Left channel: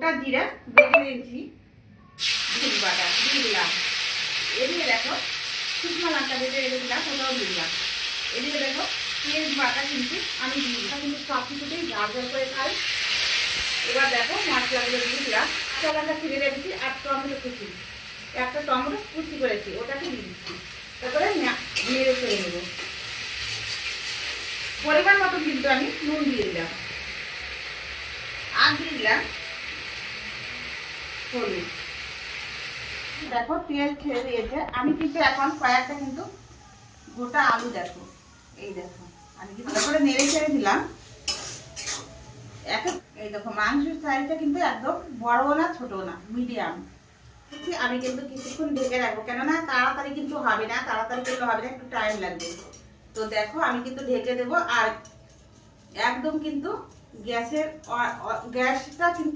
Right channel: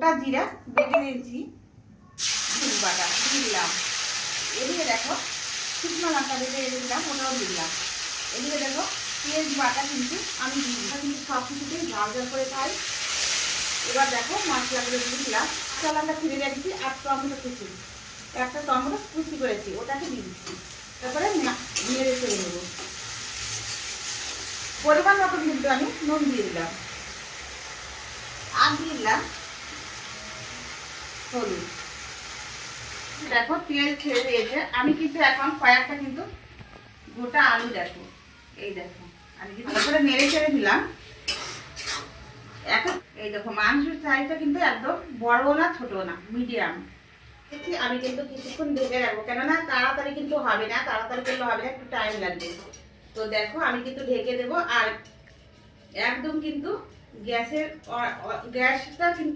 গোটা জিরা বেটে নিয়েছি, জিরে বাটা দিয়ে দিলাম। এদিকে দেখো শুকনো লঙ্কা বেটে রেখে দিলাম, ওটাও দিয়ে দিলাম। এদিকে দেখো পেঁয়াজ বাটা কিন্তু আমি দিয়ে দিলাম, কিন্তু সব কিছুতেই ঝাল ঝাল করে খাই। এবার দেখো মশলাগুলো দিয়ে দিলাম। কাঁচা লঙ্কা ছিঁড়ে রেখেছি আর টমেটো কুচি, একটা টমেটো কুচি করেছি ওটাকে দিয়ে দিচ্ছি। তারপরে নেড়ে ছেড়ে নেব। পরিমাণ মতো কিন্তু আমি নুন দিয়ে দিলাম আর দিয়ে দিলাম হলুদ। দেখো তেল ছেড়ে দিয়েছে। আমি কিন্তু এখন কয়েকটা কিন্তু গোটা আলু দেখো, এই দেখো আমি কিন্তু তারপরে নেড়ে ছেড়ে দিলাম। এখন এই দেখো মাংসের সাইজটা কিন্তু একদম বড় না ছোট না, মিডিয়াম। আমি কিন্তু কিছুক্ষণ ঢেকে রাখবো, কেননা তাড়াতাড়ি কিন্তু হবে না, তাড়াতাড়ি করলে হবে না, একটু টাইম লাগবে। তো দেখো আমি কিন্তু ঢেকে দেবো। আর একদম কিন্তু গ্যাসটা কিন্তু